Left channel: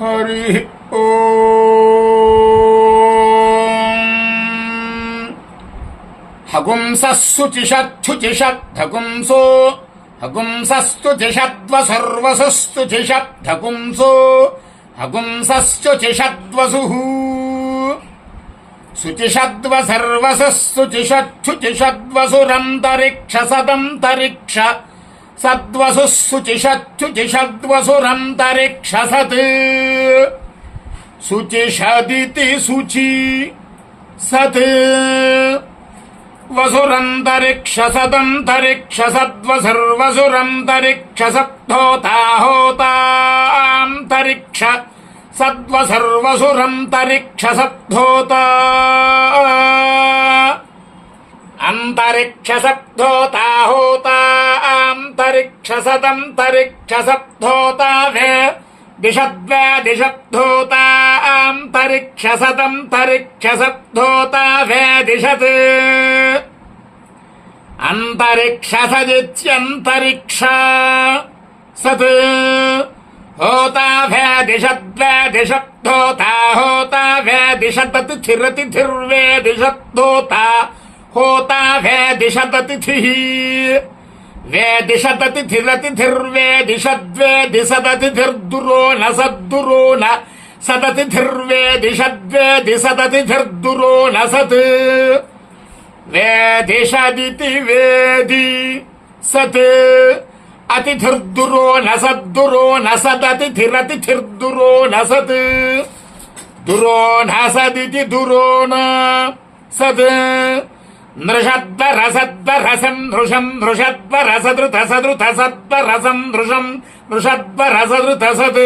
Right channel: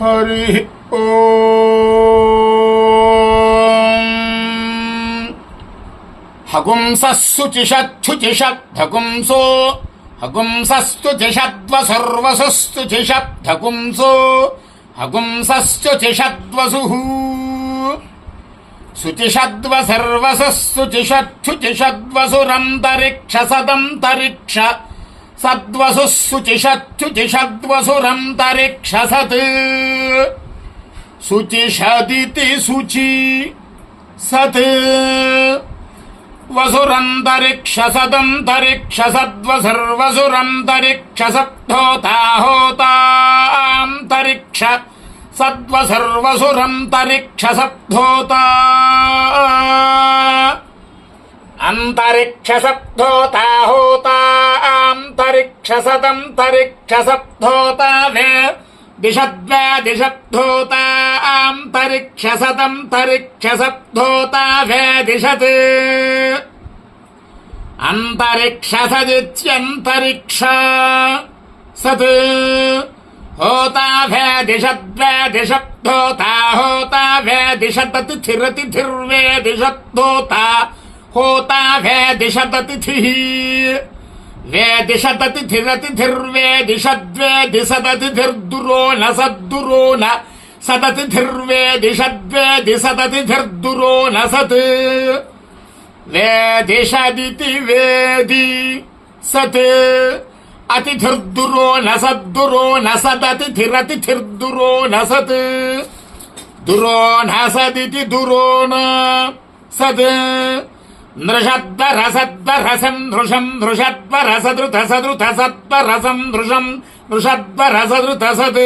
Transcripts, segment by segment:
హరి ఓం. హగుంసస్సుచిషచ్చుచిషద్ధగుంసో హగుంసస్తుచిషద్వసుర్వసుస్తుచిషద్ధగుంసో హగుంసశ్చుచిషద్వసుః శుచిషద్వసర్వసస్సుచిషచ్చుచిషద్వసురంతరిక్ష సదంతరిక్ష సద్వసుఃశుచిషచ్చుచిషద్వసురంతరిక్ష సత్ శుచిషదితి శుచి సత్ వసురంతరిక్ష సదంతరిక్ష సద్వసర్వసురంతరిక్ష సప్తోతాహోతాంతరిక్ష సద్వసర్వసురంతరిక్ష సప్తోతా అంతరిక్ష సప్తోతాహోతాంతరిక్ష సదంతరిక్ష సప్తోతా వే దిశద్వే దిశప్తోతాంతరిక్ష సదంతరిక్ష సప్తోతా వే దిశత్ అంతరిక్ష సదిత్యంతరిక్ష సత్ హోతా వే దిశద్వే దిశప్తోతా హోతా వే దిశతతిథిరతిథిర్వే దిశప్తోతా హోతా వే దిశతతిథిః వే దిశతతిథిరతిథిర్వే దిశద్వే దిశతతిథిర్దురో న సద్దురో న సతతిథిర్వే దిశద్వే దిశతతిథిర్దురో న సత్ వే దిశదితి వేది సత్ అతిథిర్దురో న సద్దురో న సదతిథిరతిథిర్దురో న సత్ దురో న సదితి దురో న సత్ నృషద్వరసద్వరసం నృషం నృషద్వరసదృత సదృత సద్వరసం నృషం నృషద్వరసదృత సత్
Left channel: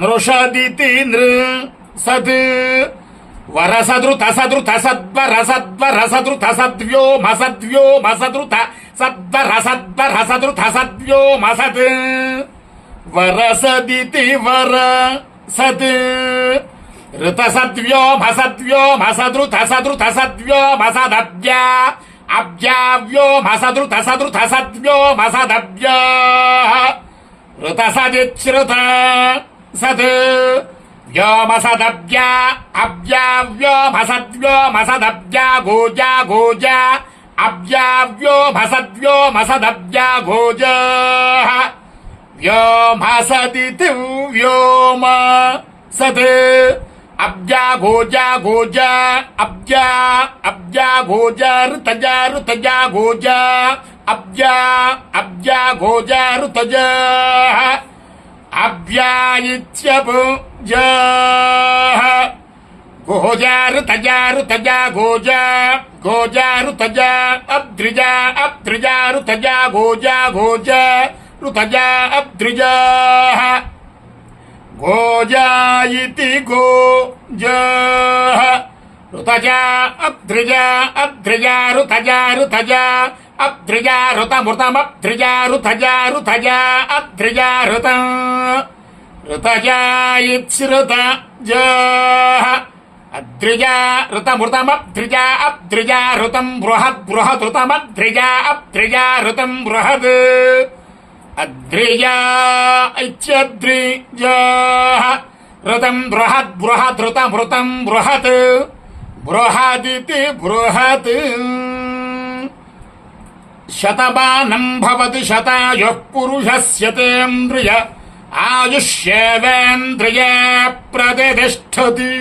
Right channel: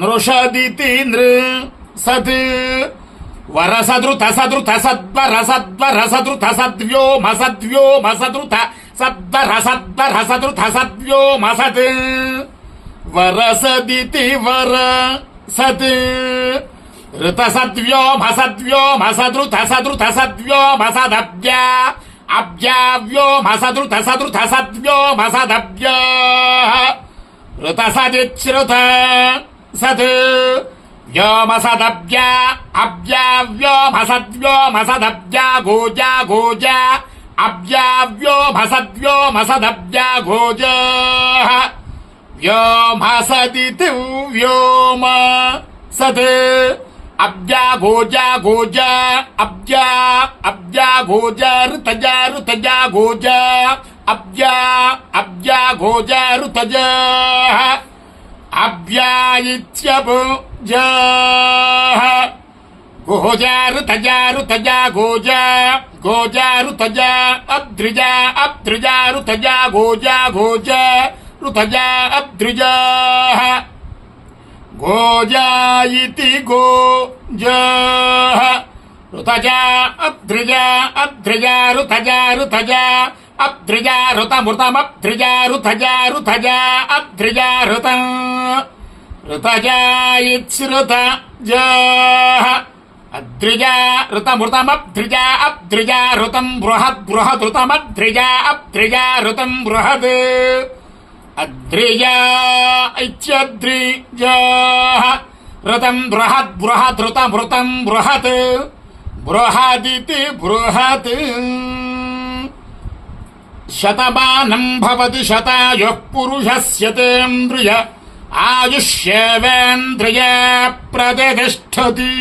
నృషదితి నృ సత్ వరసదృత సదృత సద్వరసద్వరసదృత సద్వ్యోమ సద్వ్యోమ సదృత సద్వరసద్వరసదృత సద్వ్యోమ సత్ వరసదితి వర సత్ ఋత సద్వ్యోమ సద్వ్యోమ సదృత సదృత సద్వ్యోమ సదవ్యా అవ్యావ్యోమ సదృత సదృత సద్వ్యోమ సదవ్యా ఋత సదిచ్రుత సత్ వ్యోమ సదవ్యా అవ్యావ్యోమ సద్వ్యోమ సదవ్యా గోజా గోజా అవ్యావ్యోమ సద్వ్యోమ సదవ్యా గోజా వ్యోమ సదితి వ్యోమ సత్ అబ్జా గోజా గోజా అబ్జా అబ్జా గోజా ఋతజా ఋతజా గోజా అబ్జా అబ్జా గోజా ఋతజా అబ్జాయిత్యభుజా గోజా ఋతజా ఋతజా గోజా గోజా ఋతజా అబ్ద్రిజా అబ్ద్రిజా ఋతజా గోజా గోజా ఋతజా అబ్ద్రిజా గోజాయితి గోజా ఋతజా అబ్ద్రిజా అబ్ద్రిజా ఋతజా ఋతజా అబ్ద్రిజా ఋతమృతమబ్ద్రిజా ఋతజా ఋతజా అబ్ద్రిజా ఋతం ఋతజాయిత్స్రుతజా అద్రిజా ఋతమృతమబ్ద్రిజా అబ్ద్రిజా ఋతం బృహద్ బృహదృతమద్రిజా అబ్ద్రిజా ఋతం బృహద్ అద్రిజా ఇత్యద్రిజా ఋతం బృహద్ బృహదృతమృతం బృహత్ బృహదితి బృహత్ శతమానం భవతి శతాయుః పురుషస్యతేంద్రియ ఆయుష్యేవేంద్రియ ప్రతిష్టతి.